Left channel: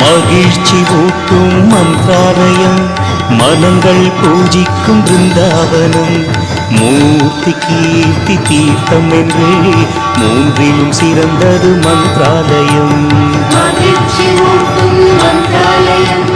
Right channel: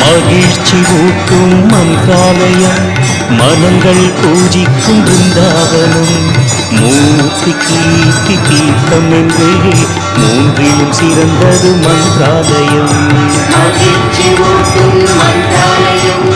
மகிழ்ச்சி ஊட்டும் மந்திராலயம், மனங்கள் பூஜிக்கும் பிருந்தாவனம், மூர்த்தி கீர்த்தி தீர்த்தம் என்றே மூன்றிலும் சிறந்தது மந்திராலயம். மகிழ்ச்சி ஊட்டும் மந்திராலயம்.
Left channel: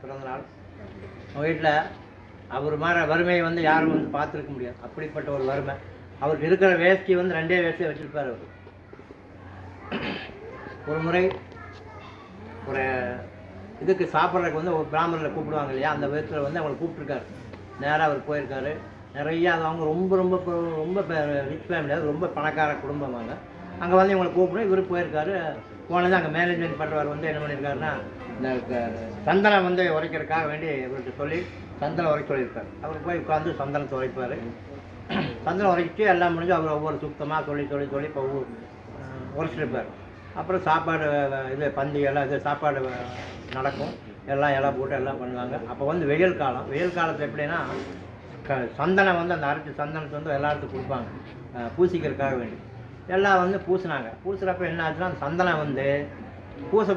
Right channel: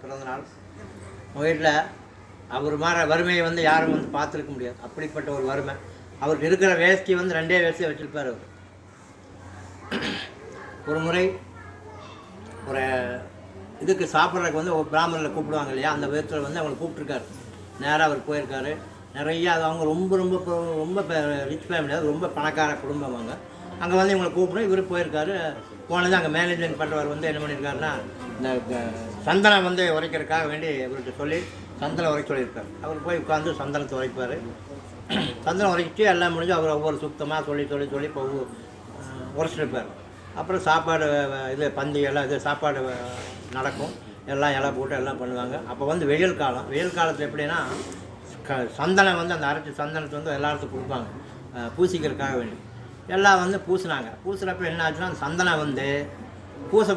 பிறந்தநாள் வீட்டில் அவர் மாதிரி வறுமையை யாரும் பார்த்துருக்க முடியாது. அப்படிப்பட்ட ஒரு வறுமை. அவருக்கு இருக்கிற வேஷ்டி 2 வேஷ்டியை வச்சுருப்பார். அவர் ஒரு முறை ஒரு இதுக்கு சாப்பிட்றதுக்கு ஒரு பிராமணரில் கூப்பிடுவாங்க இல்லையா, அந்த விதத்தில் அவங்களை கூப்பிட்ருக்காரு. நேராக அவர் போயிருக்காரு. நிறையா அவங்க ரொம்ப ரொம்ப ரொம்ப ரிச் ஃபேமிலியாக ரொம்ப பணக்கார குடும்பம். அங்கே இவங்களை கூப்பிடும். இவர் போயிருக்காரு. போனது அங்கே மேனேஜ்மெண்ட் பண்ணுறவர் என்ன பண்ணியிருக்காருன்னா, இந்த சந்தனம் உரைக்கிறதுக்காக வேண்டி இவர்கிட்ட சொல்லி சந்தனம் உரைக்க சொல்லியிருப்பார். அவர் போய் உட்காந்து சந்தனத்தை உரைப்பார். சந்தனம் உரைக்கிட்டு எல்லாம் முடிஞ்சு அவர் ஒவ்வொரு சுத்தமாக சொல்லி இப்போ உரைச்சிருப்பார். அப்புறம் சாப்பாடு இது பந்தி எல்லாம் இது சாப்பாடு நடக்கும், எல்லாம் இலை போட்டு எல்லாம் பண்ணுவாங்க. அப்போ வந்து வெயில் காலம். வெயில் காலத்தில் எப்படின்னா சந்தனம் வந்து அந்த அரைச்சி சந்தனத்தை வந்து எல்லாத்துக்கும் கொடுப்பாங்க பூசிக்கிறதுக்காக வேண்டி. எல்லாம் வந்து பூசினாங்க. பூசுகிறப்ப என்ன ஆச்சுன்னா அந்த சந்தனம் வந்து பூச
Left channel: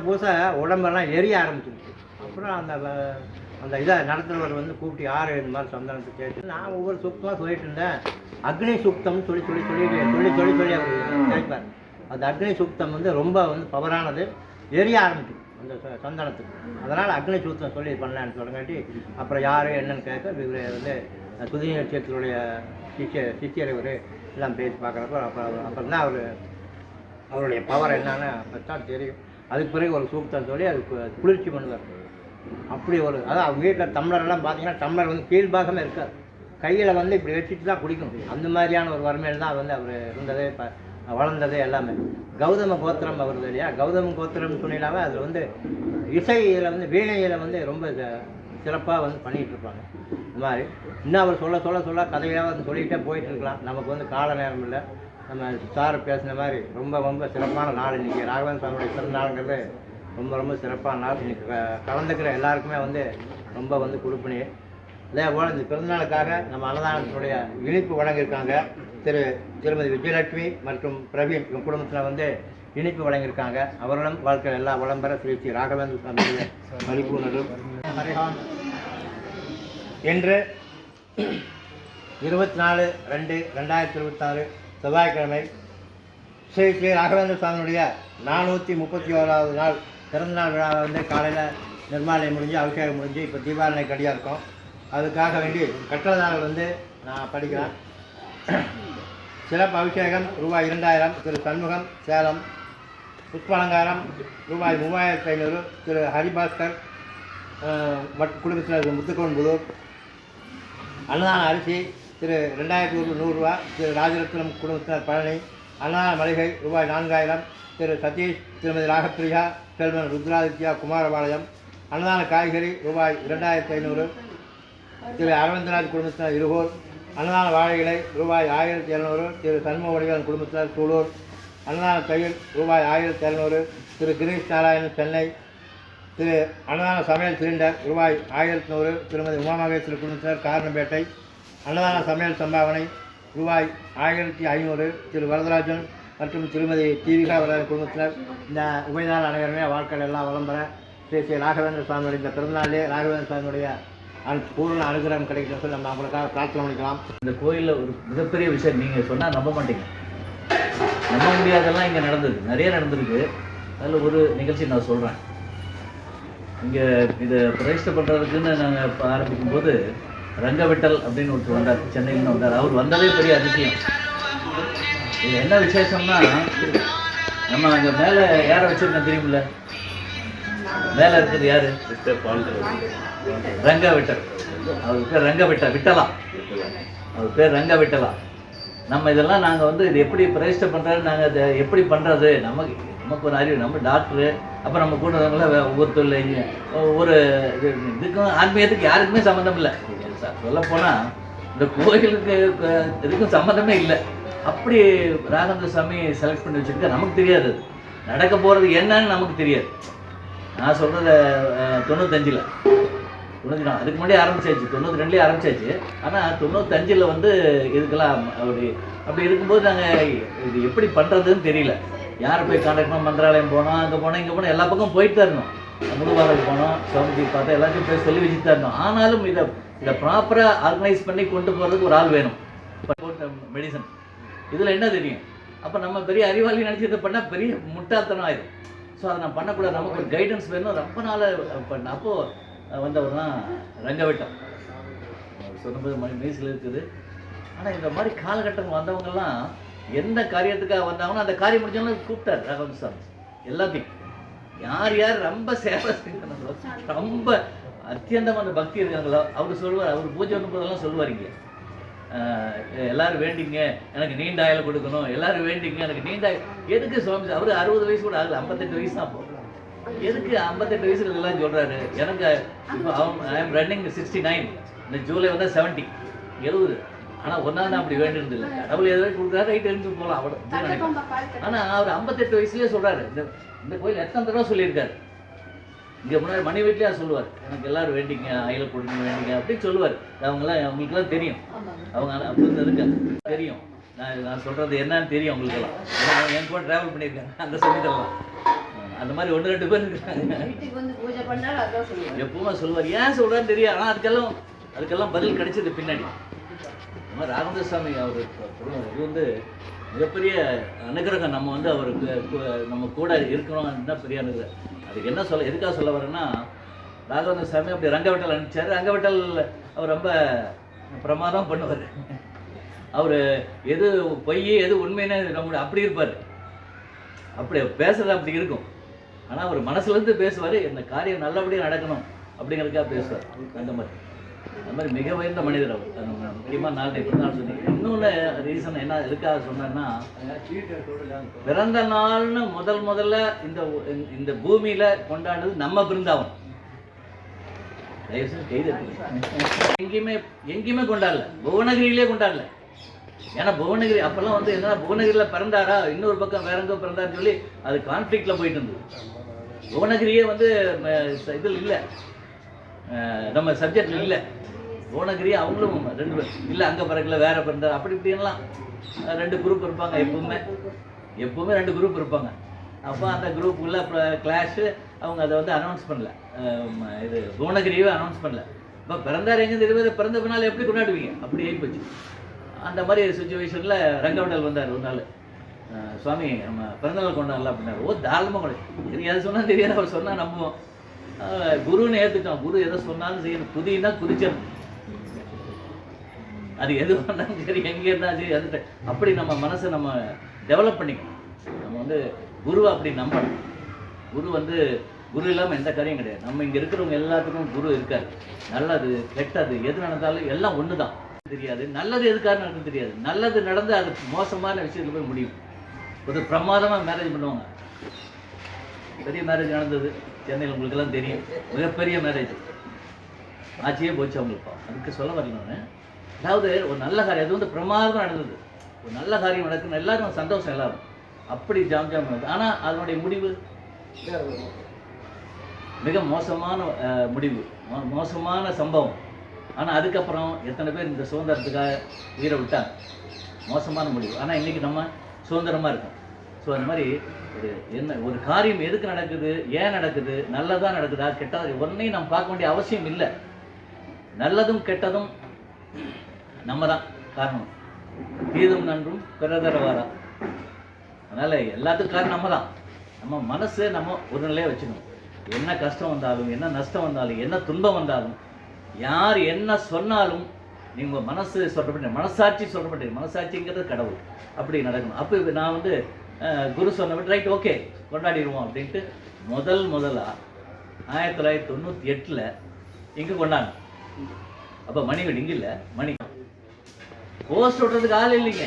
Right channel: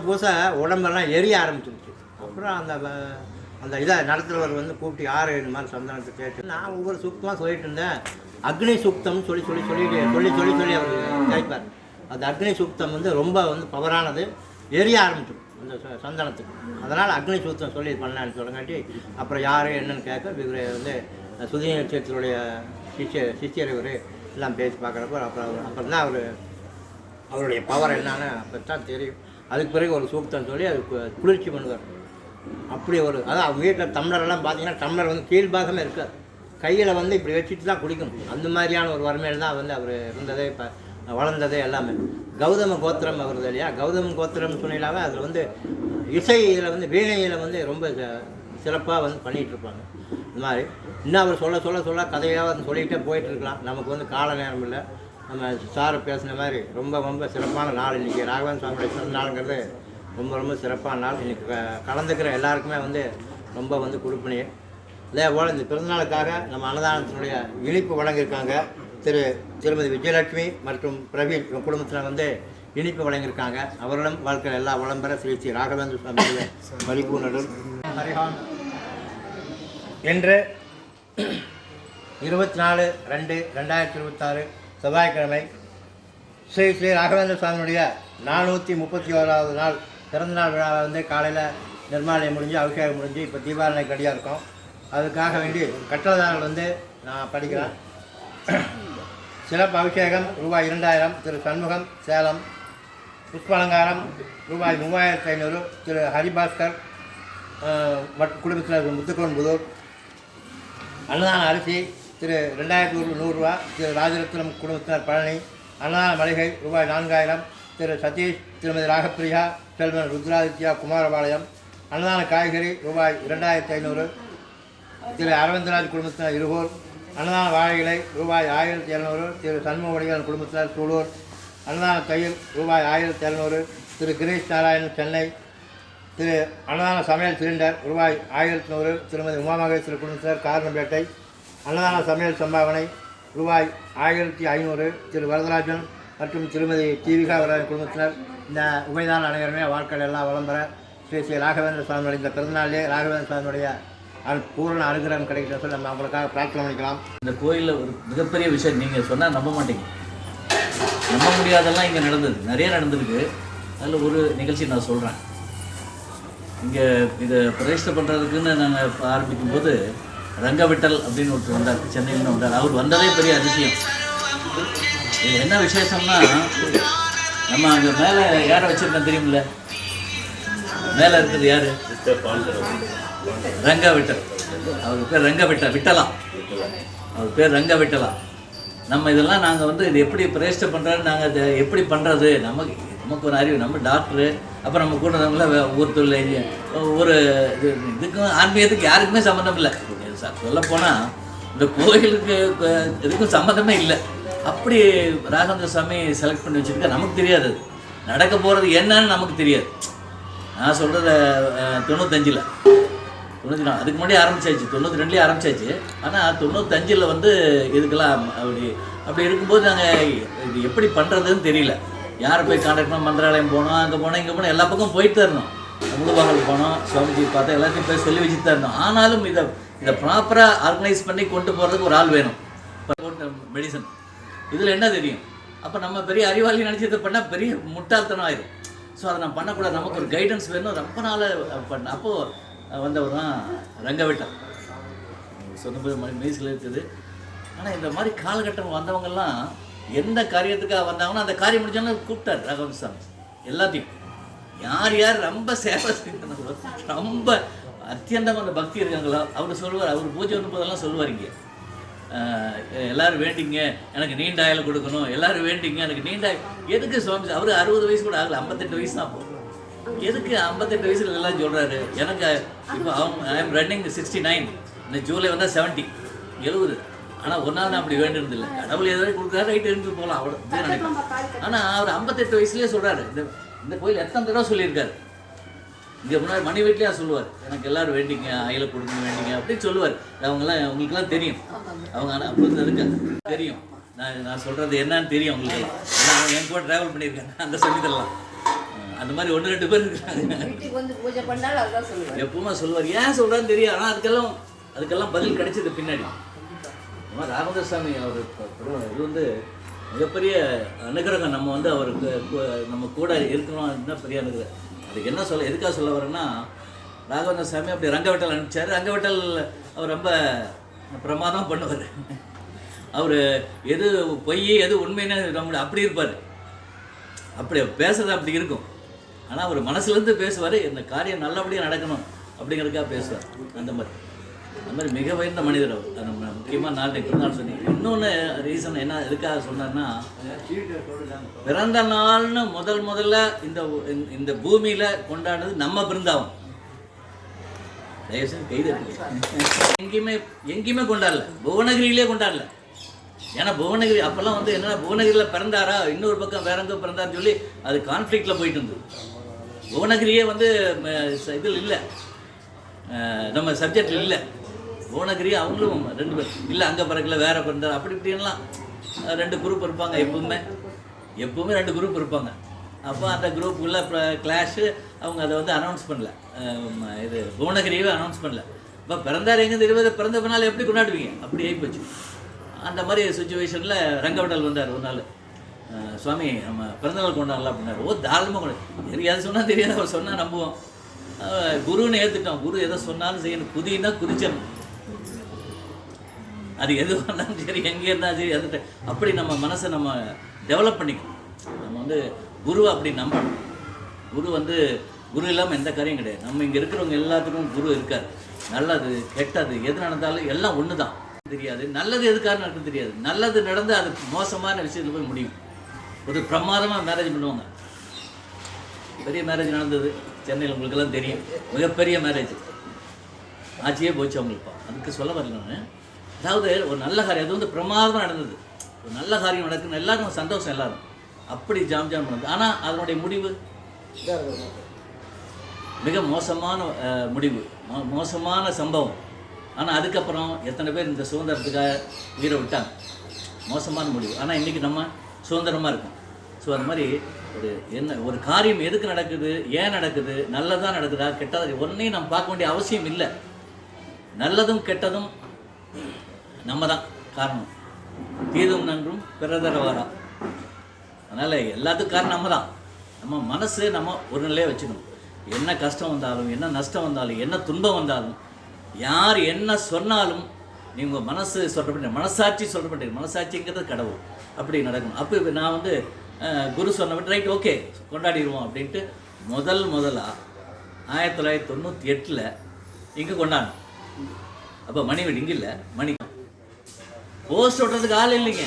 உடம்பெல்லாம் எரிய ஆரம்பிச்சிருச்சு. அப்புறம் அந்த இதை நடத்துகிறவர் வந்து கூப்பிட்டு யார் இந்த மாதிரி சந்தனத்தை கேட்டு நான் ஒவ்வொரு சூக்தமாக சொல்லிட்டு இருந்தேன். அக்னி சூக்தம்னு சொல்லி அவர் கேட்பார். அந்த அக்னி சூக்தம் வந்து ரொம்ப வந்து பவரானது, எரிய ஆரம்பிச்சிடும் அந்த சந்தனத்துக்கு. அதனால் அக்னி சூக்தம் சொல்லி பண்ணலான்னு சொல்லுங்காட்டி அப்புறம் யார் என்னன்னு கேட்க இவர் வந்து சுதிய நட்சத்திரத்துடைய சிஷியர் இவர் எல்லாம் பேசி பார்க்குறப்ப அப்புறம் தான் அவருடைய பவர் என்னன்னு அப்போ தான் தெரியும். அதுக்கு பிறகு ஒரு சூக்தம் சொல்லி அது குளிர்ச்சி பண்ணுவார். அப்படி அதான் அவங்க வீட்டில் டம்ளரெல்லாம் பார்த்தீங்கன்னா டம்ளர் வந்து கீழ்பாகமே இருக்காது, கையில் வந்து இப்படி வச்சுட்டு தான் குடிக்கணும். அந்த மாதிரியான ஒரு வறுமையில் தான் வந்து அவர் இருந்ததே, இப்போ வளர்ந்ததே எல்லாமே. கௌதம கோத்திரம் வருது இல்லையா, கௌதம கோத்திரம்னு சொன்னாவே அதில் வந்து இசையில் வந்து வீணையில் வந்து ரொம்ப சிறப்பாக வந்து பண்ணிகிட்டு இருப்பாங்க. இந்த மாதிரி இன்னும் அவர் சொல்ல கதையாக வந்து சொல்லிகிட்டே போயிட்டுருக்கலாம். நமக்கு வந்து கால நேரம் இல்லை. நம்ம சார் பேசின மாதிரி ரொம்ப சிறப்பான நாள் இன்றைக்கி. ராகவேந்திர சுவாமியுடைய பிறந்த நாளுங்கிறது ரொம்ப சிறப்பான நாள். இன்றைக்கி கலந்துக்கிற எல்லாருக்குமே வந்து ரொம்ப வந்து கொடுப்பினி. அதே போல் இந்த பிறந்தநாளுக்காக நம்ம அன்னதானத்தினுடைய இனிப்பு வழங்கியிருக்காங்க. திருமதி விஜயலட்சுமி மற்றும் பிரவீன் குடும்பத்தில் வந்து இனிப்பு வழங்கியிருக்காங்க. அவர்களும் வாழ்க்கையில் எல்லா வளம்பெற ஸ்ரீ ராகவேந்திர சுவாமியுடைய மதிப்பு நடும் ஹரிஹான் என்று 24/2/2026 செவ்வாய்க்கிழமை ஸ்ரீ ராகவேந்திர சுவாமியுடைய 431வது நாள் பிறந்தநாள் விழாவை வந்து காலையில் நிர்மாலயம் முடிஞ்சு அபிஷேகம் முடிஞ்சு இப்போ தீபாவளி கடியாக இருக்கும். அதுக்காக வேண்டி கட்டளதாரர்கள் வந்து நான் படிக்கிறேன். சிறப்பு அபிஷேகம் ரூபாய் 2000 திரு சண்முகம் சேலம். புஷ்பாலங்காரம் ரூபாய் 3500 திரு ஹரிபாஸ்கர் குடும்பத்தினர் முத்துக்குளன் புதூர். அன்னதான அரிசி திரு 2100 ரூபா திரு ராஜரத்னம் குடும்பத்தினர் பழனி. அன்னதான மளிகை ரூபாய் 4000 திரு சதீஷ் திருமதி ராகப்பிரியா செல்வன் ருத்ராதித்யா குமாரபாளையம். அன்னதான காய்கறி ரூபாய் 2500 திரு அரவிந்தராஜ் குடும்பத்தினர் இருகூர். அன்னதான வாழை இலை ரூபாய் 1700 திரு சண்முகவடிகள் குடும்பத்தினர் சூலூர். அன்னதான தயிர் ரூபாய் 1700 திரு கிரீஷ் நாராயணன் சென்னை. திரு அன்னதான சமையல் சிலிண்டர் ரூபாய் 1100 திருமதி உமாமகேஸ்வரர் குடும்பத்தினர் காரணம்பேட்டை. அன்னதான சமையல் சம்பாவனை ரூபாய் 1500 திரு வரதராஜன் மற்றும் திருமதி தீவிகா வரதன் குடும்பத்தினர். இந்த உபயதான அனைவருமே வாழ்க்கையில் எல்லாம் வளம்பெற ஸ்ரீ ராகவேந்திர சுவாமியுடைய இந்த பிறந்தநாளிலே ராகவேந்திர சுவாமியுடைய பூர்ண அனுகிரகம் கிடைக்கணும்னு சொல்லி நம்ம அவங்களுக்காக பிரார்த்தனை பண்ணிக்கலாம். இந்த கோயிலில் ஒரு மிகப்பெரிய விஷயம் நீங்கள் சொன்னால் நம்ப மாட்டீங்க. நம்ப முடியாதெல்லாம் இங்கே நடந்தது, நிறைய நடந்திருக்கு. அதில் ஒரு நிகழ்ச்சி நான் சொல்கிறேன். இங்கே இதை பிரதிஷ்டை பண்ணுறதுக்குன்னு நாங்கள் ஆரம்பிக்கும்போது ரங்கவிட்டல் அப்படின்னு ஒருத்தர் வந்தார், சென்னையிலேருந்து வந்தார். அவர் வந்ததே பெரிய அதிசயம். இதில் என்ன விசேஷம்னா, நம்ம அங்கே மேலே யாரை வச்சுருக்கேன் தெரியுமில்ல, மேலே இருக்கிறது யார்? ரங்கவிட்டல். அவர் பேர் விட்டலா. அவர் பேர் ரங்கவிட்டலா. நம்ம இதெல்லாம் நாங்கள் வந்து இது எப்படி பிரதிஷ்டை பண்ணுறது, நாங்கள் இதை எப்படி பண்ணுறது, நமக்கு ஒரு அறிவு. நம்ம டாக்டரு, அப்புறம் நம்ம கூட ஒவ்வொருத்தர் ஒவ்வொரு இதுக்கும் ஆன்மீகத்துக்கு யாருக்குமே சம்மந்தம் இல்லை. சொல்லப்போனால் இந்த கோயிலுக்கு இதுக்கும் சம்மந்தமே இல்லை. அப்படி ராகவேந்திர சுவாமி செலக்ட் பண்ணி வச்சுருக்க. நமக்கு தெரியாது அது நடக்க போகிறது என்னன்னு நமக்கு தெரியாது. நான் சொல்கிறது 95 அதுக்கு முன்னாடி ஆரம்பிச்சாச்சு, 92 ஆரம்பிச்சாச்சு. ஆனால் 95 வந்து இதுக்கெல்லாம் அப்படி இருக்கும்போது நாங்கள் இது எப்படி பண்ணுறதுன்னு தெரியல. யாரை போய் கான்டாக்ட் பண்ணோம், மந்திராலயம் போனோம், அங்கே போனோம், இங்கே போனோம், எல்லா பக்கம் போயிட்டு தான் இருந்தோம். முழுவாகல் போனோம், சுவாமிஜி பார்த்தா எல்லாத்தையும் போய் சொல்லி வச்சுட்டு தான் இருந்தோம். ஆனாலும் இதை ப்ராப்பராக ஆர்கனைஸ் பண்ணி கொண்டு போகிறதுக்கு ஒரு ஆள் வேணும். இப்போ மெடிசன் இதில் என்ன தெரியும்? அப்போ நம்ம பெரிய அறிவாளி நினச்சி இதை பண்ணால் பெரிய முட்டாள்தனம் ஆயிடும். ஸோ அதை நான் பண்ணக்கூடாது, நமக்கு ஒரு கைடன்ஸ் வேணும். ரொம்ப நாள் பண்ண அப்போது வந்தவர் தான் ரங்கவிட்டல். சொன்னபோது மைஸில் இருக்குது. ஆனால் இந்த மாதிரி காலகட்டம் வந்தவங்கெல்லாம் எந்த காரியத்துக்காக வந்தாங்கன்னா அந்த காரியம் முடிஞ்சோன்னா கூப்பிட்டார் ராகவேந்திர சுவாமி. எல்லாத்தையும் யார் ரொம்ப சேவை செய்யணும், ரொம்ப அத்தியந்தமான பக்தி இருக்காங்களோ அவர் சொல்லுவார். அவர் பூஜை வந்த போதெல்லாம் சொல்லுவார், இங்கே எல்லோரும் வேண்டிங்க எனக்கு நீண்ட ஆயுள் கொடுக்கணும், எல்லோரும் வேண்டிங்க எனக்கு நீண்ட ஆயுள். எதுக்கு சுவாமி? அவர் 60 வயசு கூட ஆகலை, 58 வயசு தான். அப்போ எதுக்கு 58 வயசுல எல்லாம் சொல்கிறாரு? எனக்கு இப்போ ஐ எம் ரன்னிங் 69, இந்த ஜூலை வந்தால் 70. ஆனால் ஒரு நாள் நான் அப்படி வேண்டியது இல்லை. கடவுள் எதாவது கொடுக்குறாரு, ரைட் இருந்து போகலாம் அவ்வளோ அப்படின்னு நினைப்பேன். ஆனால் அவர் 58 வயசுலேயே சொல்கிறாரு, இந்த கோயில் எத்தனை தடவை சொல்லியிருக்காரு. இங்கே முன்னாடி மணி வீட்லேயே சொல்லுவார், எனக்கு எல்லோரும் வேண்டிங்க, அயலை கொடுங்க வேண்டிங்க அப்படின்னு சொல்லுவார். அவங்களுக்குலாம் தெரியும், அவங்க அப்படி இருந்ததுக்கு தெரியும். நான் சொல்கிறது என்னன்னு தெரியும் அவங்களுக்கெல்லாம். ஏன்னா அவங்க என் கூட ட்ராவல் பண்ணியிருக்காங்க, அந்த சொல்லித்தரலாம். அந்த மாதிரி 1-2 பேர் இருக்காங்க. எப்பவுமே சொல்லுவார், ஏன் சொல்கிறான்னு தெரியும். ஆனால் அதுக்கெல்லாம் பதில் கிடைச்சது பின்னாடி. ராகவேந்திர சாமி அவர் இது வந்து மிகப்பெரிய அனுகிரகம். நம்ம வந்து அவருக்கு நம்ம கூட இருக்கிறோம், அதுதான் பெரிய அனுகிரகம். அதுக்கு என்ன சொல்ல, எதுக்காக சொல்ல வரேன்னா, ராகவேந்திர சாமி அப்படி ரங்கவட்டல் அனுப்பிச்சார். ரங்கவட்டல் அவர் ரொம்ப பிரமாதம் பண்ணுவார். அவர் எது பொய் எது உண்மைன்னு நம்மளுடைய அப்படி இருப்பார். அப்படி பேசுறது அப்படி இருக்கும். ஆனால் அவர் மனசுலேருந்து பேசுவார், இந்த காரியம் நல்லபடியாக நடக்கணும் அப்படிங்கிறதுக்காக பேசுவார். அந்த மாதிரி மிக உயர்ந்த மனிதர் அவர். அது முக்கியமாக நான் இப்படி சொன்னேன். இன்னொன்று ரீசன் என்ன எதுக்காக சொன்னேன்னா, பிறந்த நாள்னு முதல்ல இந்த பூமியில் கொண்டாடுறது நம்ம பிருந்தாவன். தயவுசெய்து கைது எங்கேயுமே கொண்டாடல, புவனகிரியிலே கொண்டாடல. ஏன்னா புவனகிரி அப்போல்லாம் வந்து என்னன்னா, புவனகிரியில் பிறந்தாரா, இன்னொரு பக்கம் வேற எங்கே பிறந்தாருன்னு சொல்லி அது கான்ஃப்ளிக்டில் போயிட்டு இருந்தது. புவனகிரியே வந்து இதில் இல்லை, நம்ம சப்ஜெக்டில் இல்லை. புவனகிரி அவங்களும் 2 பேர் இல்லை, அங்கே பிறகுல வேற பிறந்தார் அப்படி இப்படின்லாம் 2 குரூப் இருப்பாங்க. எப்பவுமே 2 குரூப் இருப்பாங்க. அப்போ அந்த குரூப்புக்குள்ள கிளாஷு அவங்க அதை வந்து அனௌன்ஸ் பண்ணல. இது புவனகிரியே அனௌன்ஸ் பண்ணல. இப்போ பிறந்தார் எங்கே தெரியாது, பிறந்த பின்னால் எப்படி கொண்டாடுவீங்க, அப்படி ஆகிப்போச்சு. அந்த மாதிரி சுச்சுவேஷனில் ரங்கவட்டல் வந்தார் ஒரு நாள். சுவாமி நம்ம பிறந்தநாள் கொண்டாடலாம் அப்படின்னாரு. ஓ தாராளமாக கொண்டாடு, தெரியாது சொன்னால் தெரியாது, அவர் சொன்னால் நம்புவோம். குருன்னு ஏற்றுட்டோம். குரு எதை சொன்னாலும் செய்யணும், குதின்னா குதிச்சிடணும். அது எது பண்ணாலும் சரி, எங்கே இருந்தாலும் சரி, அது அப்படி நம்ம மனசை நம்ம டெவலப் பண்ணிக்கணும். நம்ம வந்து குருவை அப்படி நம்பணும். குரு இல்லாமல் எந்த காரியம் கிடையாது. நம்ம இங்கே இருக்கிறவங்க எல்லாத்துக்கும் குரு இருக்கார். நல்லது கெட்டது எது நடந்தாலும் எல்லாம் ஒன்று தான். தெரியாது நல்லது எதுக்காக நடக்கும் தெரியாது. நல்லது நடந்து அது மோசமான விஷயத்தில் போய் முடியும். ஒரு பிரமாதமாக மேரேஜ் பண்ணுவாங்க. பெரிய மேரேஜ் நடந்தது சென்னையில், உங்களுக்கெல்லாம் தெரியும். மிகப்பெரிய மேரேஜ் ஆட்சியே போச்சு அவங்களுக்கு. அதுக்கு சொல்ல வரல. அதாவது ஒரு நல்ல காரியம், அது வந்து பிரமாதமாக நடந்தது. ஒரு நல்ல காரியம் நடக்குன்னு எல்லாரும் சந்தோஷம், எல்லாரும் அப்படி ஜாம் நடந்தது. ஆனால் அதனுடைய முடிவு மிக மோசமான முடிவு, மோசமான சம்பவம். ஆனால் அதுக்கப்புறம் எத்தனை பேர் இந்த சுதந்திரத்துக்காக உயிரை விட்டாங்க. மோசமான முடிவு. ஆனால் இன்றைக்கி நம்ம சுதந்திரமாக இருக்கோம். ஸோ அந்த மாதிரி ஒரு காரியம் எதுக்கு நடக்குது, ஏன் நடக்குது, நல்லதாக நடக்குதா கெட்டதா ஒன்றையும் நம்ம பார்க்க வேண்டிய அவசியம் இல்லை. நல்லதும் கெட்டதும் நம்ம தான் காரணம். தீதும் நன்றும் பிறதரவாரா. அதனால் எல்லாத்துக்கும் காரணம் நம்ம தான். நம்ம மனசு நம்ம ஒரு நிலையை வச்சுக்கணும். என்ன கஷ்டம் வந்தாலும், என்ன நஷ்டம் வந்தாலும், என்ன துன்பம் வந்தாலும், யார் என்ன சொன்னாலும் நீங்கள் மனசு சொல்கிறப்பட்ட, மனசாட்சி சொல்கிறப்பட்ட, மனசாட்சிங்கிறது கடவுள். அப்படி நடக்கணும். அப்போ நான் வந்து குரு சொன்ன விட்டு ரைட் ஓகே கொண்டாடிடுவோம் அப்படின்ட்டு முதலாக 1998 இங்கே கொண்டாடணும். அப்போ மணி வீடு இங்கே இல்லை, மணி போஸ்ட் ஓட்டுறதுக்கு ஆள் இல்லைங்க.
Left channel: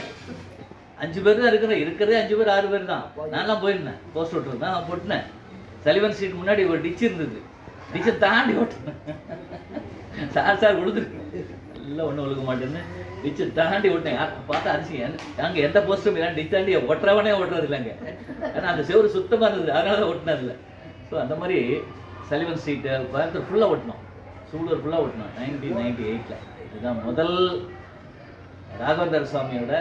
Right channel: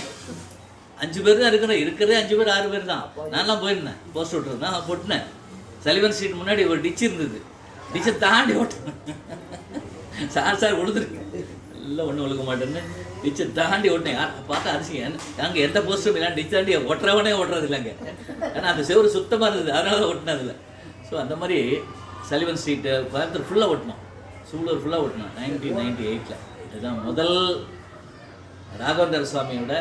5 பேர் தான் இருக்கிறதே 5 பேர் 6 பேர் தான். நான்லாம் போயிருந்தேன் போஸ்ட் ஓட்டுறது தான் போட்டுனேன். சலிவன் ஸ்ட்ரீட் முன்னாடி ஒரு டிச் இருந்தது, டிச்சை தாண்டி ஓட்டுனேன். சார் உழுதுருக்கு இல்லை, ஒன்றும் ஒழுக்க மாட்டேன்னு டிச்சை தாண்டி ஓட்டினேன். பார்த்தா அரிசி அங்கே எந்த போஸ்ட்டும் இல்லை, டிச் தாண்டி ஓட்டுறவனே ஓட்டுறது இல்லைங்க. ஏன்னா அந்த செவரு சுத்தமாக இருந்தது, அதனால தான் ஓட்டினதில்லை. ஸோ அந்த மாதிரி சலிவன் ஸ்ட்ரீட்டு கோயம்புத்தூர் ஃபுல்லாக ஓட்டினோம், சூலூர் ஃபுல்லாக ஓட்டினோம் 1998. இதுதான் முதல் ராகவேந்திர சுவாமியோட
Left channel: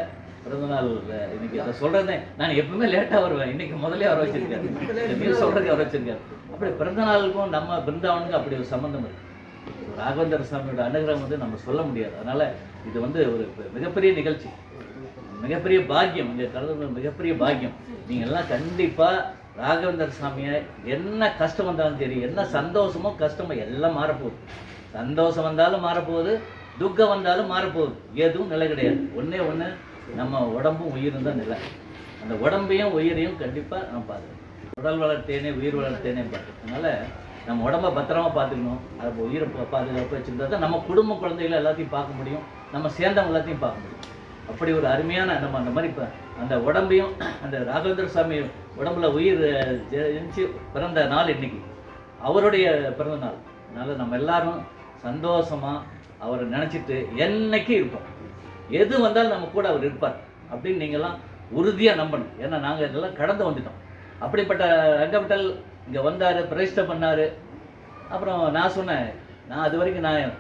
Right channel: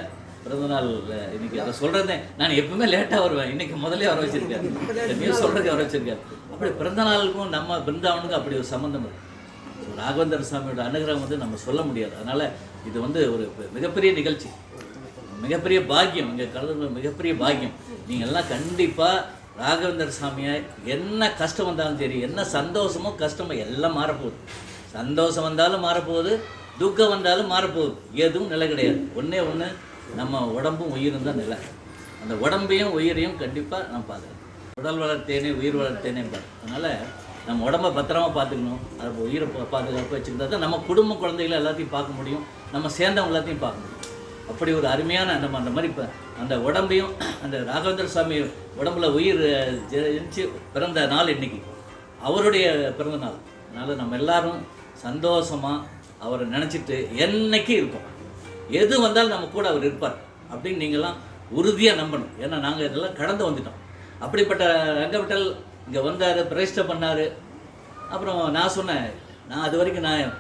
பிறந்தநாள். இன்னைக்கு அதை சொல்கிறதே நான் எப்பவுமே லேட்டாக வருவேன். இன்றைக்கி முதலே வர வச்சுருக்காரு, நியூஸ் சொல்கிறதுக்கு வர வச்சுருக்காரு. அப்படி பிறந்தநாளுக்கும் நம்ம பிருந்தாவனுக்கும் அப்படி ஒரு சம்மந்தம் இருக்குது. ராகவேந்திர சுவாமியோட அனுகிரகம் வந்து நம்ம சொல்ல முடியாது. அதனால் இது வந்து ஒரு மிகப்பெரிய நிகழ்ச்சி, மிகப்பெரிய பாக்கியம். இங்கே கலந்து மிகப்பெரிய பாக்கியம். நீங்கள் எல்லாம் கண்டிப்பாக ராகவேந்திர சுவாமியை என்ன கஷ்டம் வந்தாலும் சரி, என்ன சந்தோஷமோ கஷ்டமோ எல்லாம் மாறப்போகுது. சந்தோஷம் வந்தாலும் மாறப்போகுது, துக்கம் வந்தாலும் மாறப்போகுது. எதுவும் நிலை கிடையாது. ஒன்று நம்ம உடம்பும் உயிரும் தான் நிலை. அந்த உடம்பையும் உயிரையும் கண்டிப்பாக நான் பார்க்குறேன். உடல் வளர்த்தேனே உயிர் வளர்த்தேனே பாரு. அதனால் நம்ம உடம்பை பத்திரமா பார்த்துக்கணும். அதை உயிரை பாதுகாப்பு வச்சுருந்தா தான் நம்ம குடும்ப குழந்தைகளை எல்லாத்தையும் பார்க்க முடியும், நம்ம சேர்ந்தவங்க எல்லாத்தையும் பார்க்க முடியும். அப்படி ஒரு அருமையான நம்ம அந்த மாதிரி இப்போ அந்த உடம்பையும், அந்த ராகவேந்திர சுவாமி உடம்புல உயிர் ஜெயிச்சு பிறந்த நாள் இன்னைக்கு அவருடைய பிறந்த நாள். அதனால் நம்ம எல்லாரும் சந்தோஷமாக அவரை நினச்சிட்டு என்னைக்கு இருப்போம். எது வந்தாலும் நம்ம கூட அவர் இருப்பார் அப்படின்னு நீங்கள்லாம் உறுதியாக நம்பணும். ஏன்னா நாங்கள் இதெல்லாம் கடந்து வந்துட்டோம். அப்படிப்பட்ட ரங்கவிட்டல் இங்கே வந்தார், பிரதிஷ்டை பண்ணார். அப்புறம் நான் சொன்னேன், நான் அது வரைக்கும் நான்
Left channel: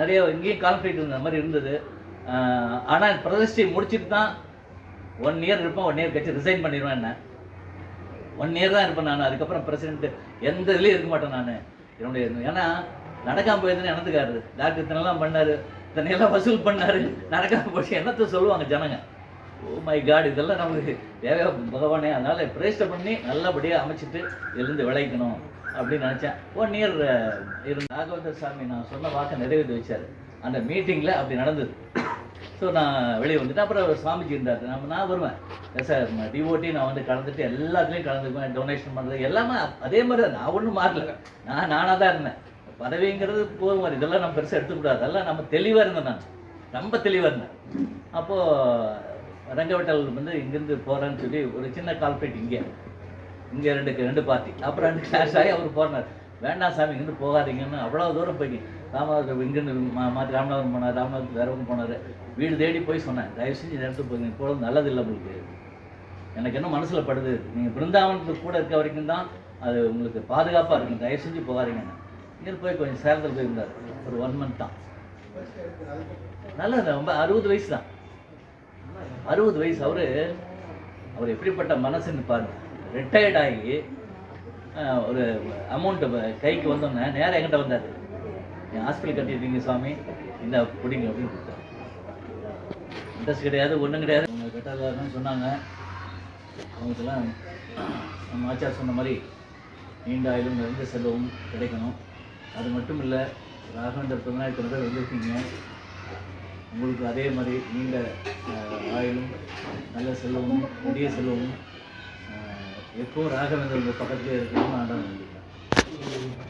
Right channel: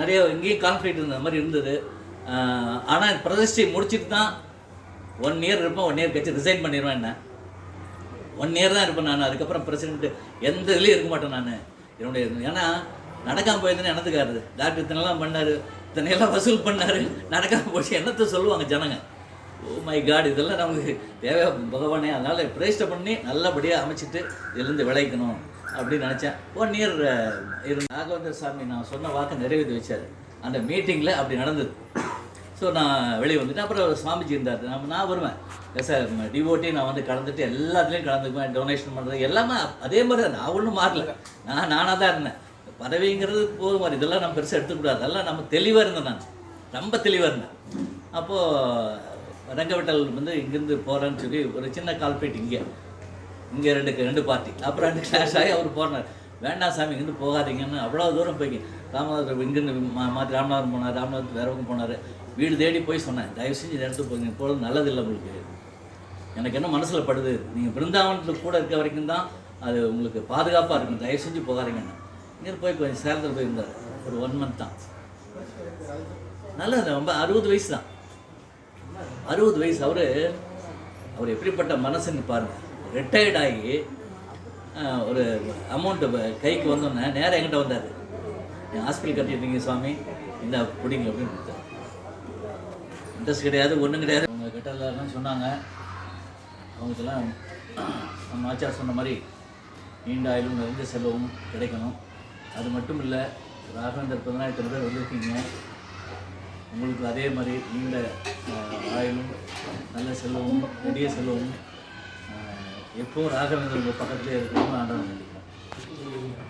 நிறைய இங்கேயும் கான்ஃப்ளிக்ட் இருந்த மாதிரி இருந்தது. ஆனால் பிரதிஷ்டை முடிச்சுட்டு தான் 1 இயர் இருப்பேன். 1 இயர் கழிச்சு ரிசைன் பண்ணிடுவேன். என்ன 1 இயர் தான் இருப்பேன் நான். அதுக்கப்புறம் பிரசிடென்ட் எந்த இதுலேயும் இருக்க மாட்டேன் நான். என்னுடைய ஏன்னா நடக்காமல் போயிருந்தேன்னு எனத்துக்காரு. டாக்டர் இத்தனைலாம் பண்ணார், இத்தனையெல்லாம் வசூல் பண்ணார், நடக்காமல் போச்சு என்னத்தை சொல்லுவாங்க ஜனங்க. ஓ மை காட், இதெல்லாம் நமக்கு தேவையா பகவானே. அதனால் பிரதிஷ்டை பண்ணி நல்லபடியாக அமைச்சிட்டு இதுலேருந்து விளைக்கணும் அப்படின்னு நினச்சேன். 1 இயர் இருந்து ராகவேந்திர சாமி நான் சொன்ன வாக்கை நிறைவேற்றி வச்சார். அந்த மீட்டிங்கில் அப்படி நடந்தது. ஸோ நான் வெளியே வந்துட்டேன். அப்புறம் சுவாமிஜி இருந்தார். நான் வருவேன் சார் டிவோட்டி, நான் வந்து கலந்துட்டு எல்லாத்துலேயும் கலந்துக்குவேன். டொனேஷன் பண்ணுறது எல்லாமே அதே மாதிரி தான். நான் ஒன்றும் மாறல. நானாக தான் இருந்தேன். பதவிங்கிறது போதும் மாதிரி இதெல்லாம் நம்ம பெருசாக எடுத்துக்கூடாது. அதெல்லாம் நம்ம தெளிவாக இருந்தேன். நான் ரொம்ப தெளிவாக இருந்தேன். அப்போது ரங்கவிட்டல் வந்து இங்கேருந்து போகிறேன்னு சொல்லி ஒரு சின்ன கால்பேட் இங்கே 2 பார்ட்டி. அப்புறம் 2 கிளாஸ் ஆகி அவர் போனார். வேண்டாம் சாமி இங்கேருந்து போகாதீங்கன்னு அவ்வளோ தூரம் போய் ராமநாதர் இங்கேருந்து மாற்றி ராமநாதபுரம் போனார். ராமநாதர் வேறவங்க போனார். வீடு தேடி போய் சொன்னேன், தயவு செஞ்சு இந்த இடத்துக்கு போய் போகிறது நல்லதில்லை உங்களுக்கு. எனக்கு என்ன மனசில் படுது, நீங்கள் பிருந்தாவனத்துக்கு கூட இருக்க வரைக்கும் தான் அது உங்களுக்கு பாதுகாப்பாக இருக்கும், தயவு செஞ்சு போகாதீங்கன்னு. இங்கேருந்து போய் கொஞ்சம் சேலத்தில் போயிருந்தார். ஒரு 1 மந்த் தான். நல்லது. ரொம்ப 60 வயசு தான். 60 வயசு. அவர் எப்படிப்பட்ட மனசுன்னு பாருங்கள். ரிட்டையர்ட் ஆகி ஒரு அமௌண்ட்டு கைக்கு வந்தோன்னே நேராக என்கிட்ட வந்தார். என் ஹாஸ்பிட்டல் கட்டிட்டீங்க சுவாமி, இந்த பிடிங்க அப்படின்னு கொடுத்தாரு. இன்ட்ரெஸ்ட் கிடையாது, ஒன்றும் கிடையாது. அவங்க கட்டலான்னு சொன்னாங்க. அவங்களுக்கெல்லாம் நம்ம ஆச்சார் சொன்ன மாதிரி நீண்ட ஆயுளும் நிறைந்த செல்வமும் கிடைக்கணும். அது மட்டும் இல்லை, ராகவேந்தர் 15,000 பேர் வந்திருக்கீங்க. உங்களுக்கு அதே மாதிரி நீண்ட ஆயுளும் நல்ல செல்வமும் நெடிய செல்வமும் எப்பவும் ராகவேந்தர் உங்கள் பக்கத்துலேயே இருக்கணும்னு ஆண்டவன் சொல்லிக்கிறேன்.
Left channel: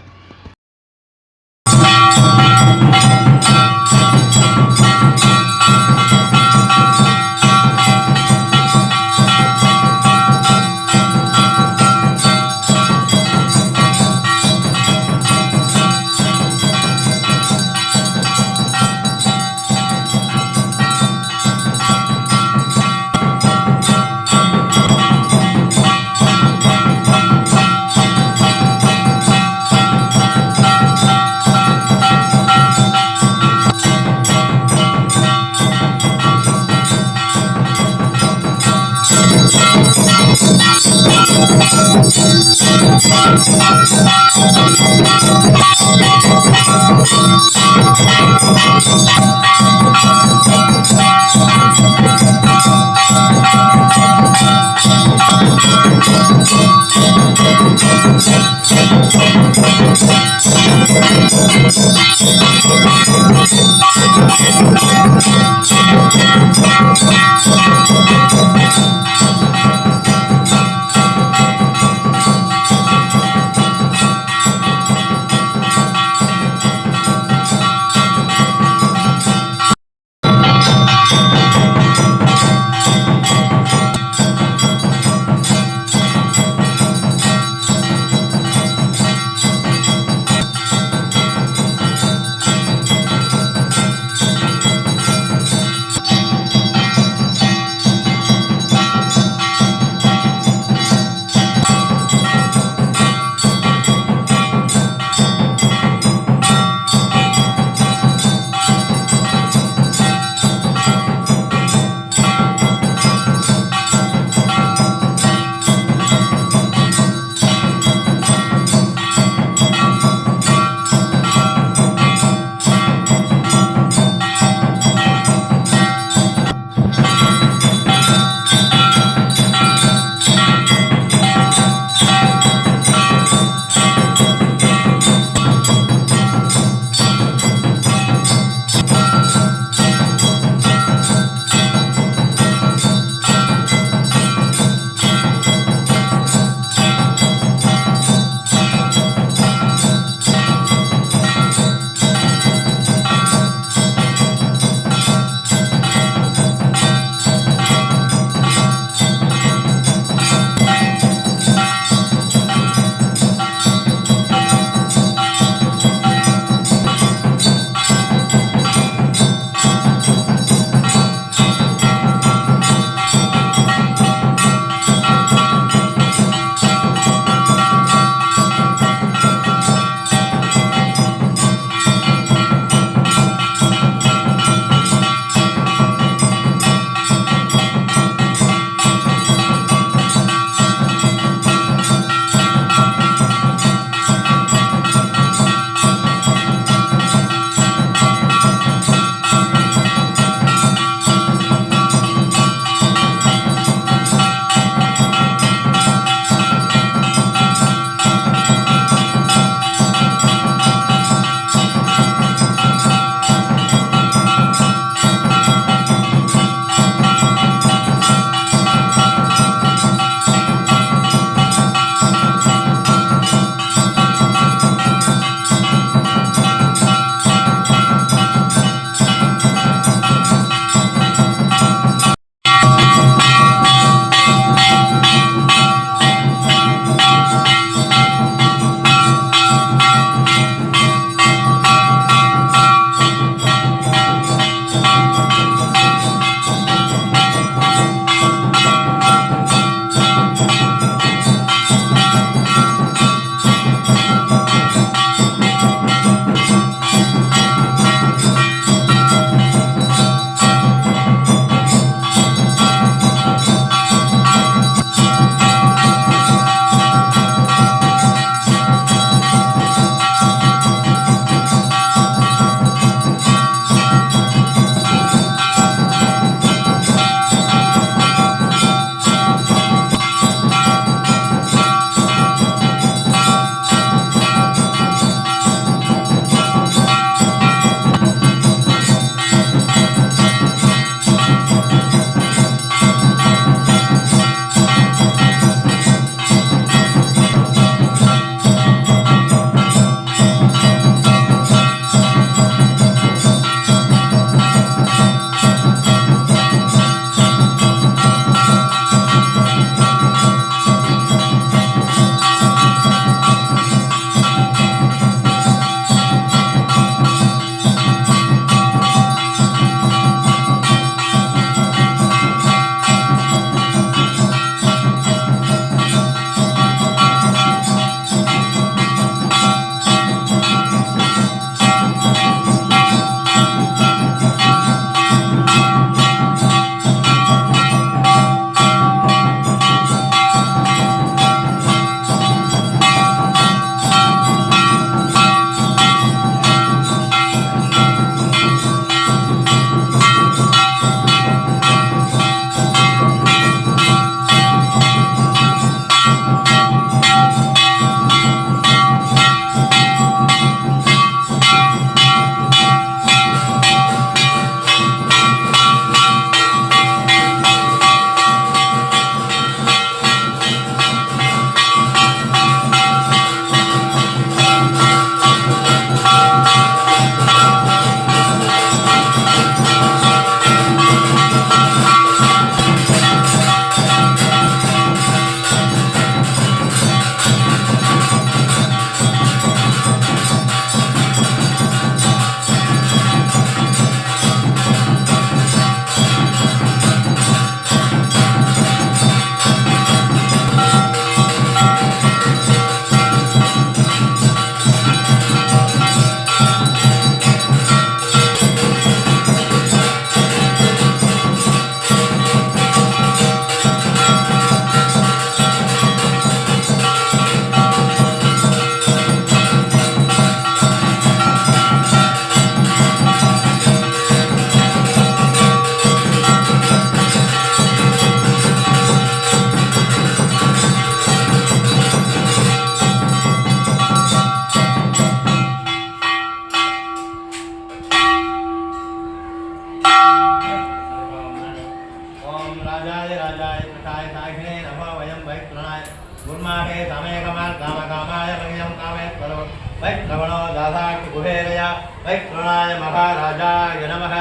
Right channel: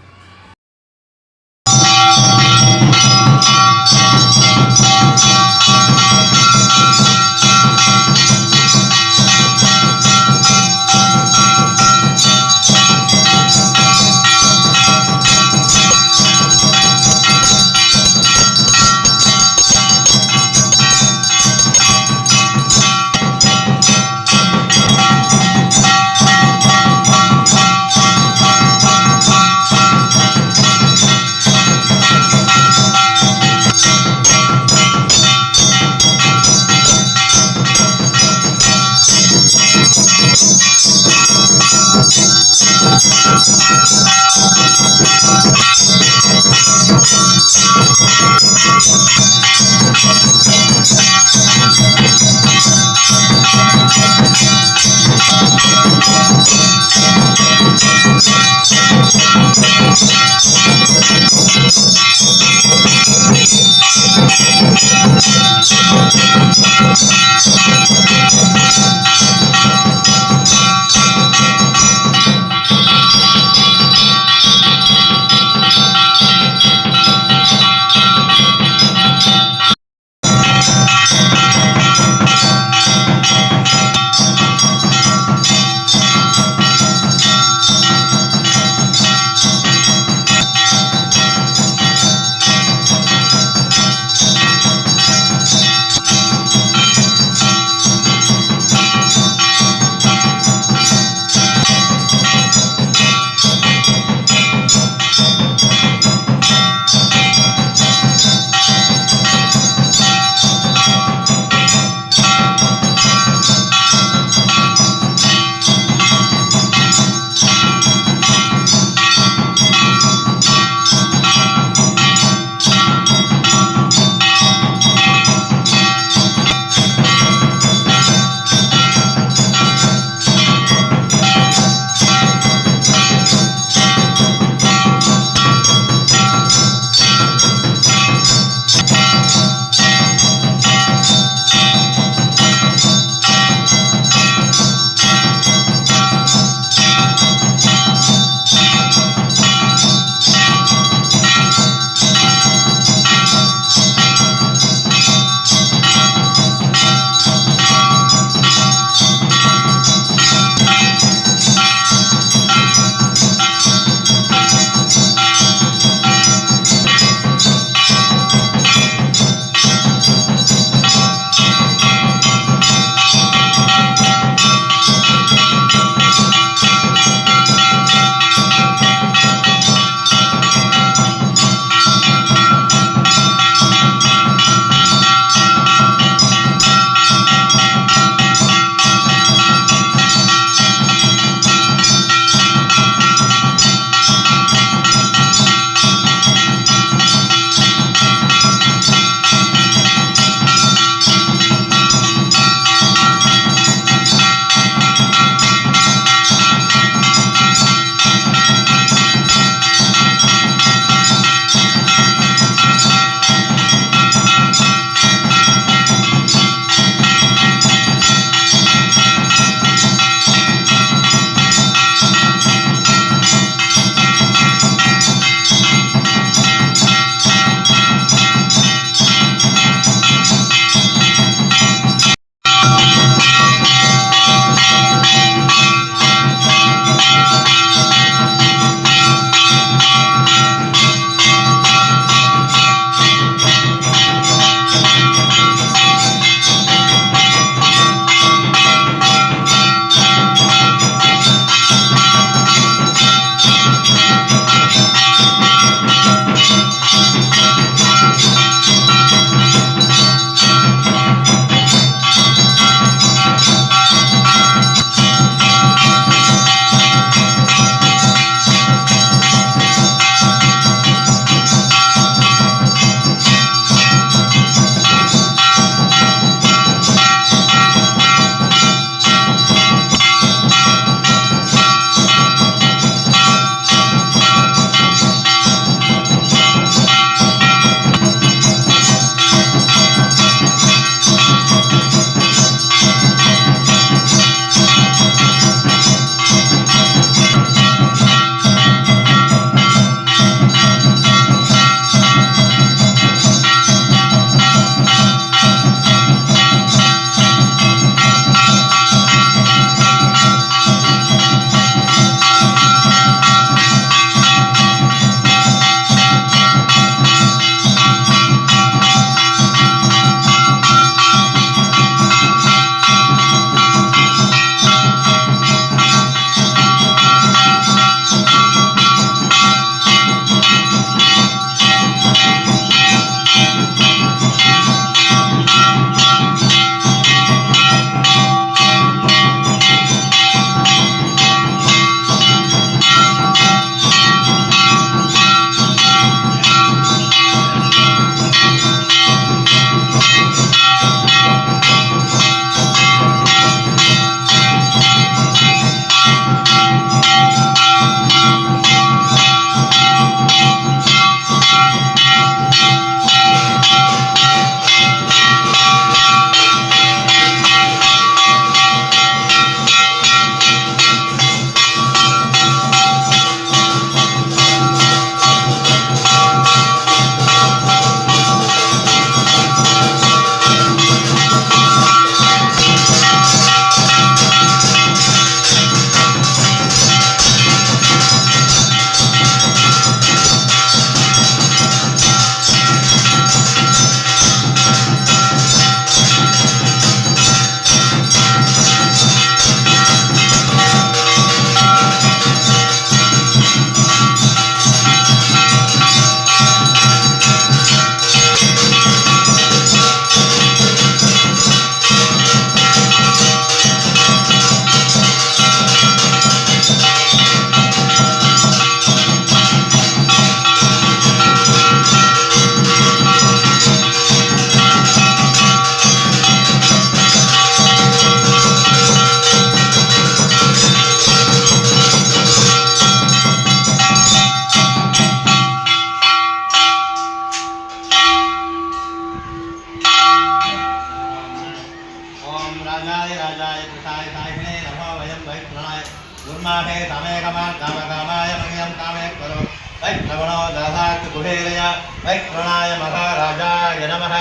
राजाय कृताय काहिने नमो वयं वैष्णवाय गुरुमाहे समेकमान् कामकामाय मह्यं कामे करो वैष्णवनो दासात् कुबेरय वैष्णवाय महाराजाय नमः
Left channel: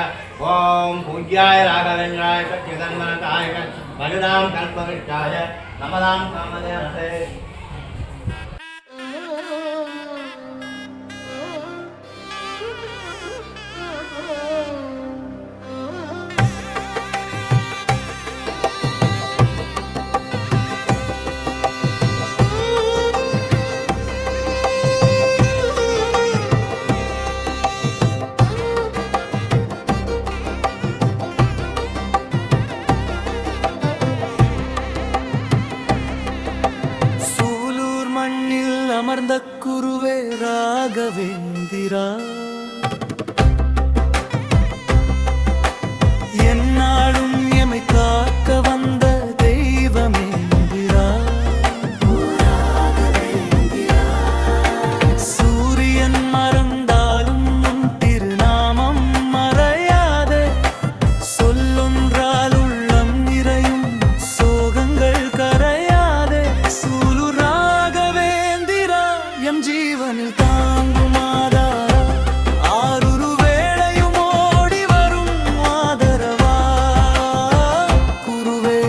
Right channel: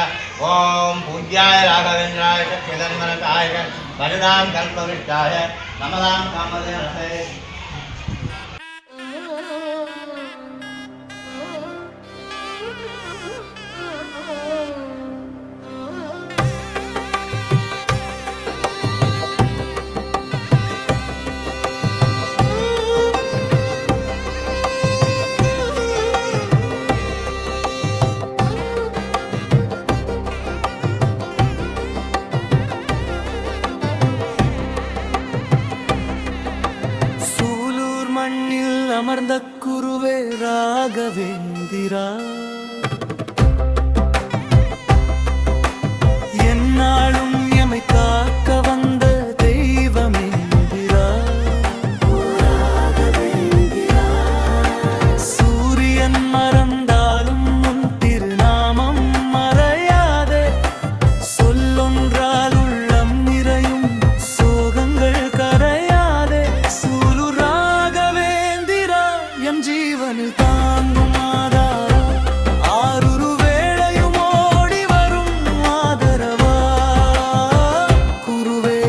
ॐ पूज्याय राघवेन्द्राय सत्यधर्मरताय वरुणां कल्पवृक्षाय नमदां कामदे சூலூர் மண்ணில் அமர்ந்த குருவே ராகவேந்திரா, என்னாலும் எமை காக்க வந்த தெய்வமேந்திரா. சூரியன் மறந்தாலும் உன் திருநாமம் மறையாதே, சொல்லொன்றால் உள்ளம் நிறையும் சோகங்கள் கரையாதே. சூலூர் ராகவேந்திரா எம் ஜீவனில் தாங்கும் ஆதாரா, ஆருரு வேளையும் ஓடி வரும் ஆதரவா. குருவே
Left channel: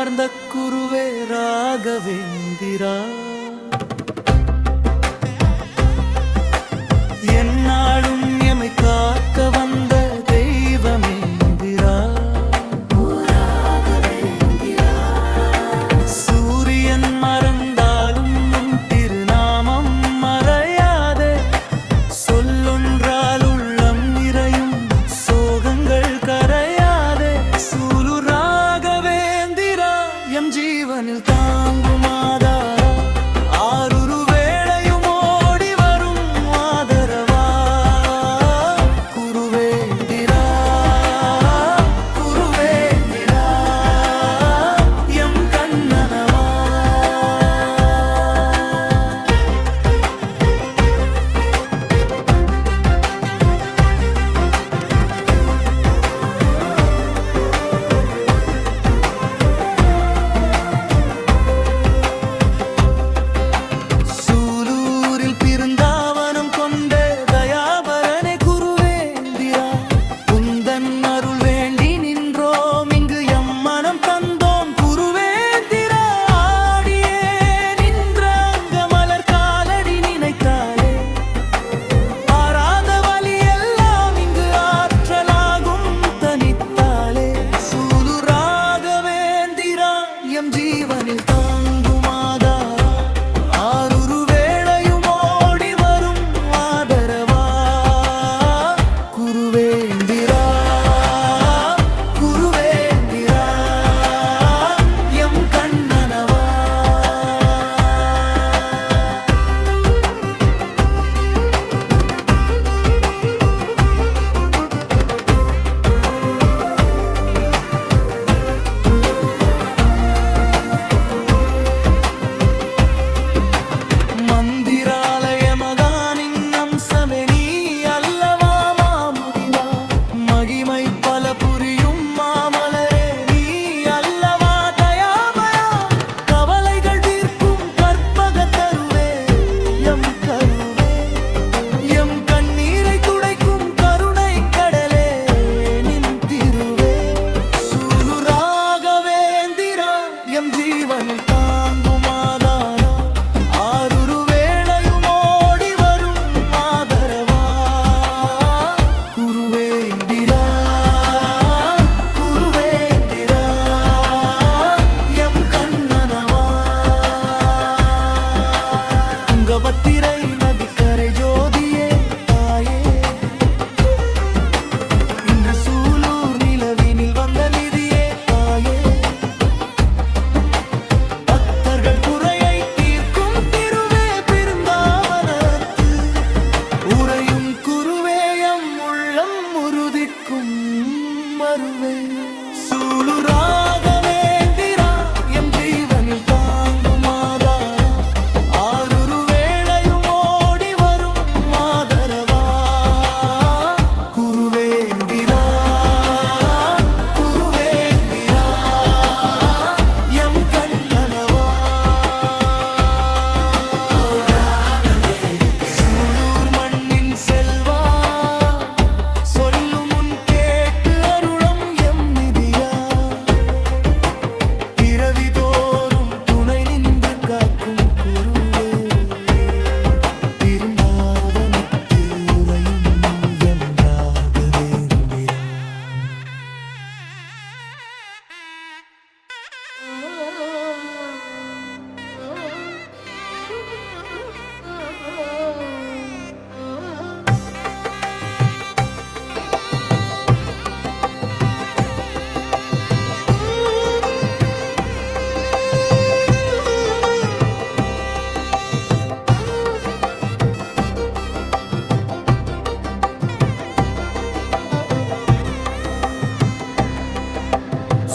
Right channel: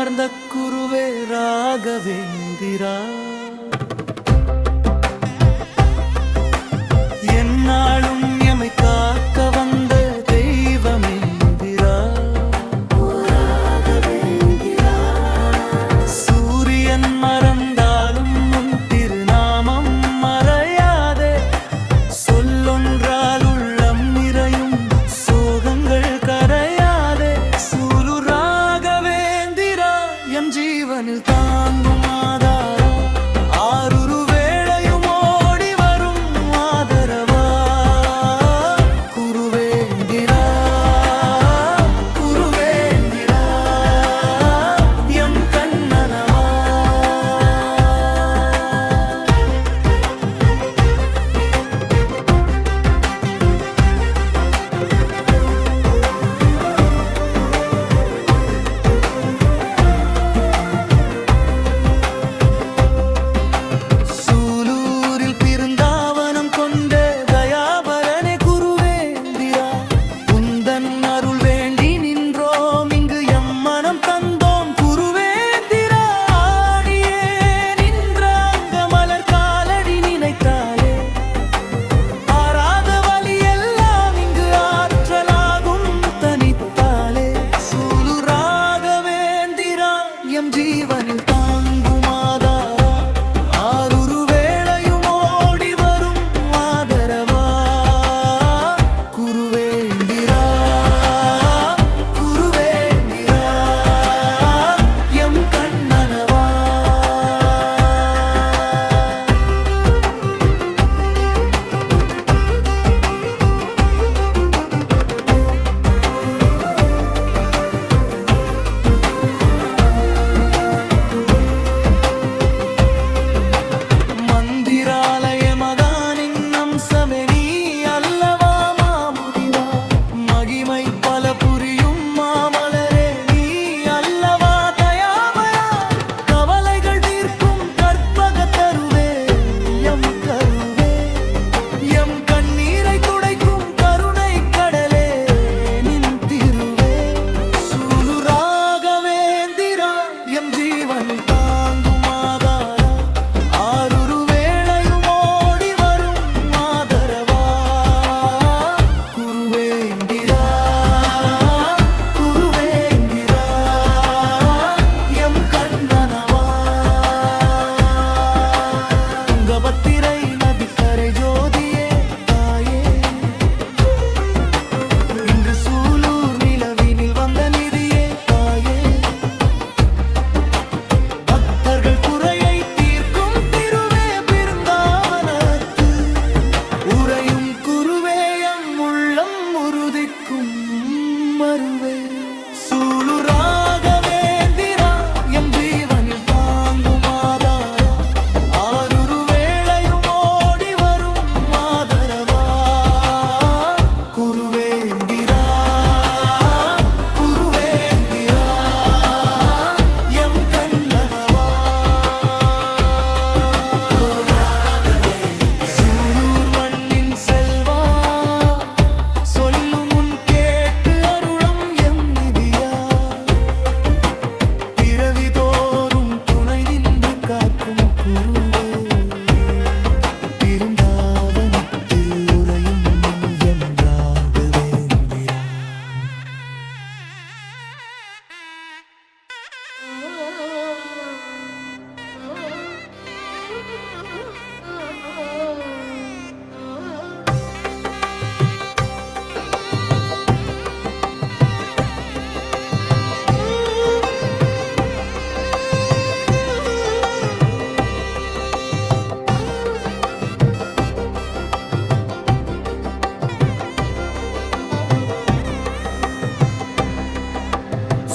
அமர்ந்த குருவே ராகவேந்திரா என்னாலும் எமை காக்க வந்த தெய்வமேந்திரா சூரியன் மறந்தாலும் உன் திருநாமம் மறையாதே சொல்லொன்றால் உள்ளம் நிறையும் சோகங்கள் கரையாதே சூலூர் ராகவேந்திரா எம் ஜீவனில் தாங்கும் ஆதாரா ஆருரு வேளையும் ஓடி வரும் ஆதரவா குருவேந்திரா குருவேந்திரா எம் கண்ணனவா சூலூரில் பிருந்தாவனம் கொண்ட தயாபரனே குருவேந்திரா உந்தன் அருள் வேண்டி நின்றோம் இங்கு எம் மனம் தந்தோம் குருவேந்திரா ஆடியே நின்ற அங்க மலர் காலடி நினைத்தாலே ஆறாத வழி எல்லாம் இங்கு ஆற்றலாகும் தனித்தாலே சூலூர் ராகவேந்திரா எம் ஜீவனில் தாங்கும் ஆதாரா ஆருரு வேளையும் ஓடி வரும் ஆதரவா குருவேந்திரா குருவேந்திரா எம் கண்ணனவா மந்திராலய மகானின் அம்சமே நீ அல்லவா மாமுனிவா மகிமை பல புரியும் மாமலரே நீ அல்லவா தயாமயா கவலைகள் தீர்க்கும் கற்பக தருவே எம் கருவே எம் கண்ணீரை துடைக்கும் கருணை கடலே நின் திருவே சூலூர் ராகவேந்திரா எம் ஜீவனில் தாங்கும் ஆதாரா ஆருரு வேளையும் ஓடி வரும் ஆதரவா குருவேந்திரா குருவேந்திரா எம் கண்ணனவா துங்கபத்திரை நதிக்கரை ஜோதியே தாயே இன்று சூலூர் நிலவினில் வந்த நிதியே தாயே பக்தர்கள் குறையை தீர்க்கும் திருவே பிருந்தாவனத்து உறையும் குருவேயம் உள்ளம் உறுதிக்கும் மருவே சூலூர் ராகவேந்திரா எம் ஜீவனில் தாங்கும் ஆதாரா ஆருரு வேளையும் ஓடி வரும் ஆதரவா குருவேந்திரா குருவேந்திரா எம் கண்ணனவா சூலூர் மண்ணின் செல்வா சொல்லும் முன் கேட்டு அருளும் எம் நிதியா பிறவி தோறும் துணை நின்று காக்கும் குருவே பிருந்தாவனத்தில் உறையும் எம் ராகவேந்திரா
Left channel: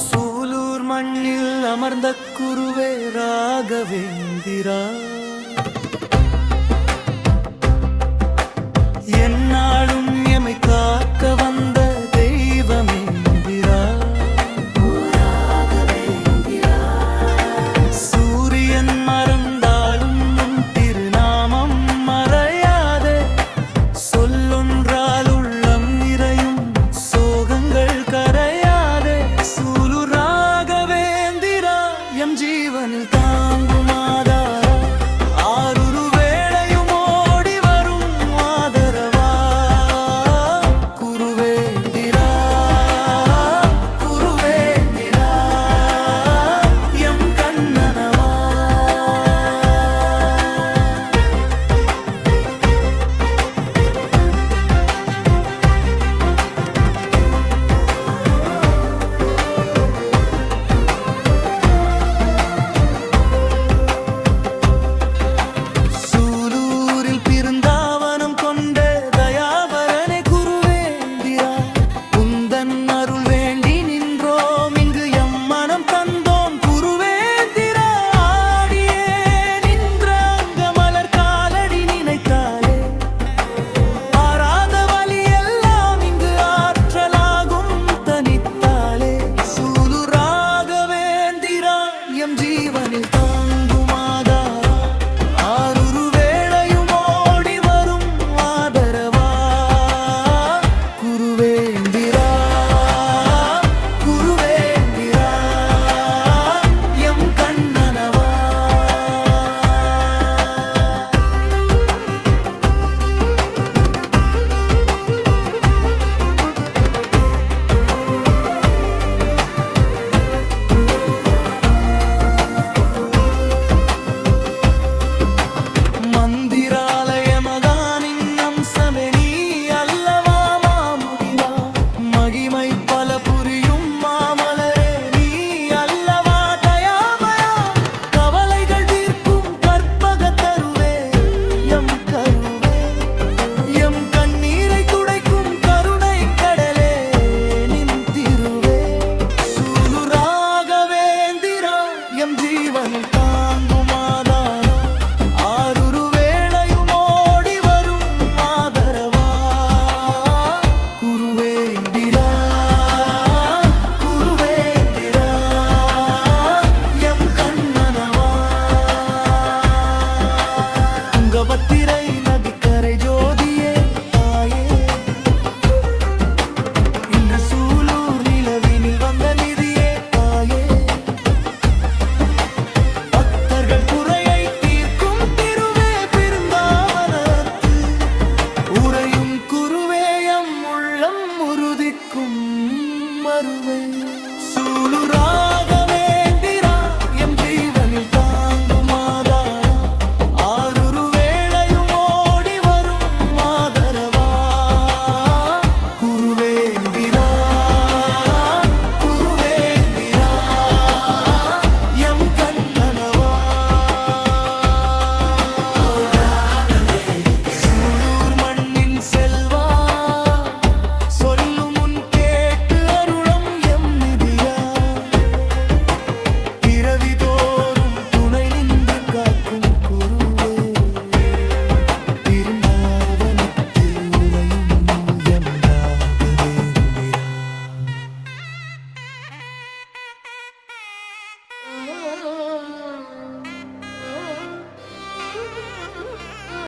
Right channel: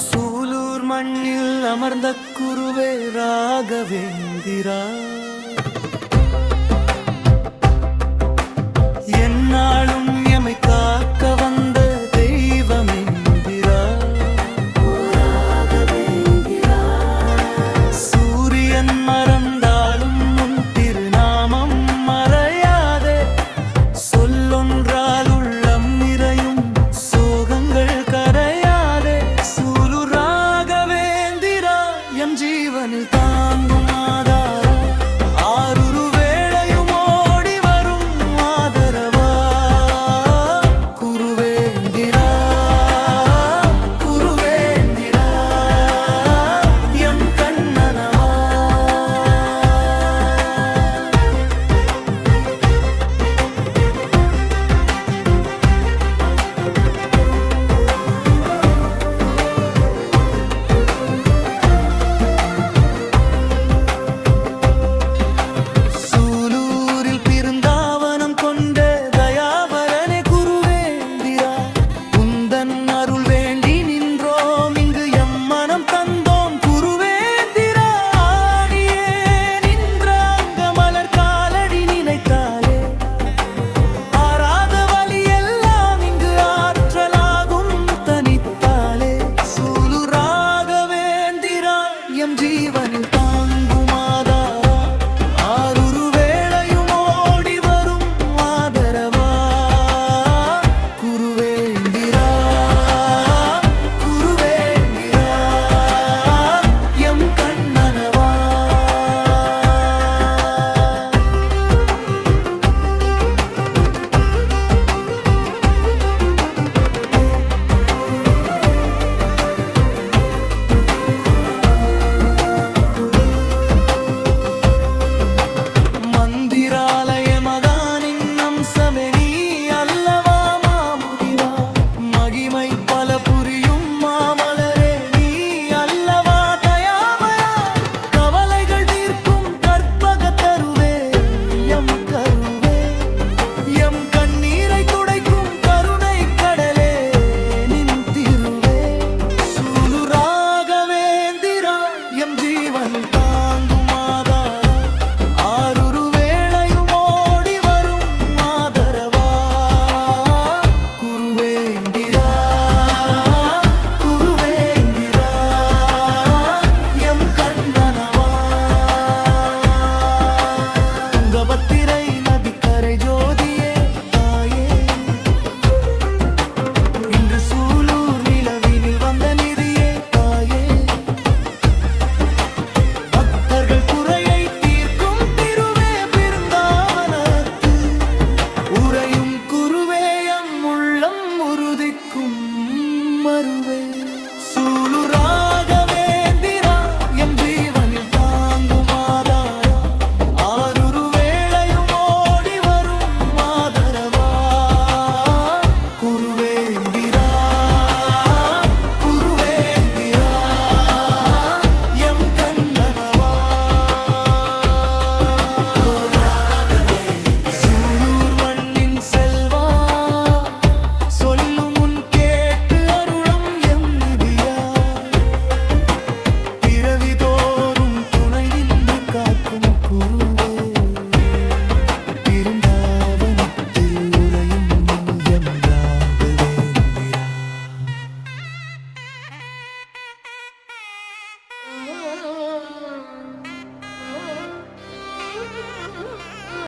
சூலூர் மண்ணில் அமர்ந்த குருவே ராகவேந்திரா என்னாலும் எமை காக்க வந்த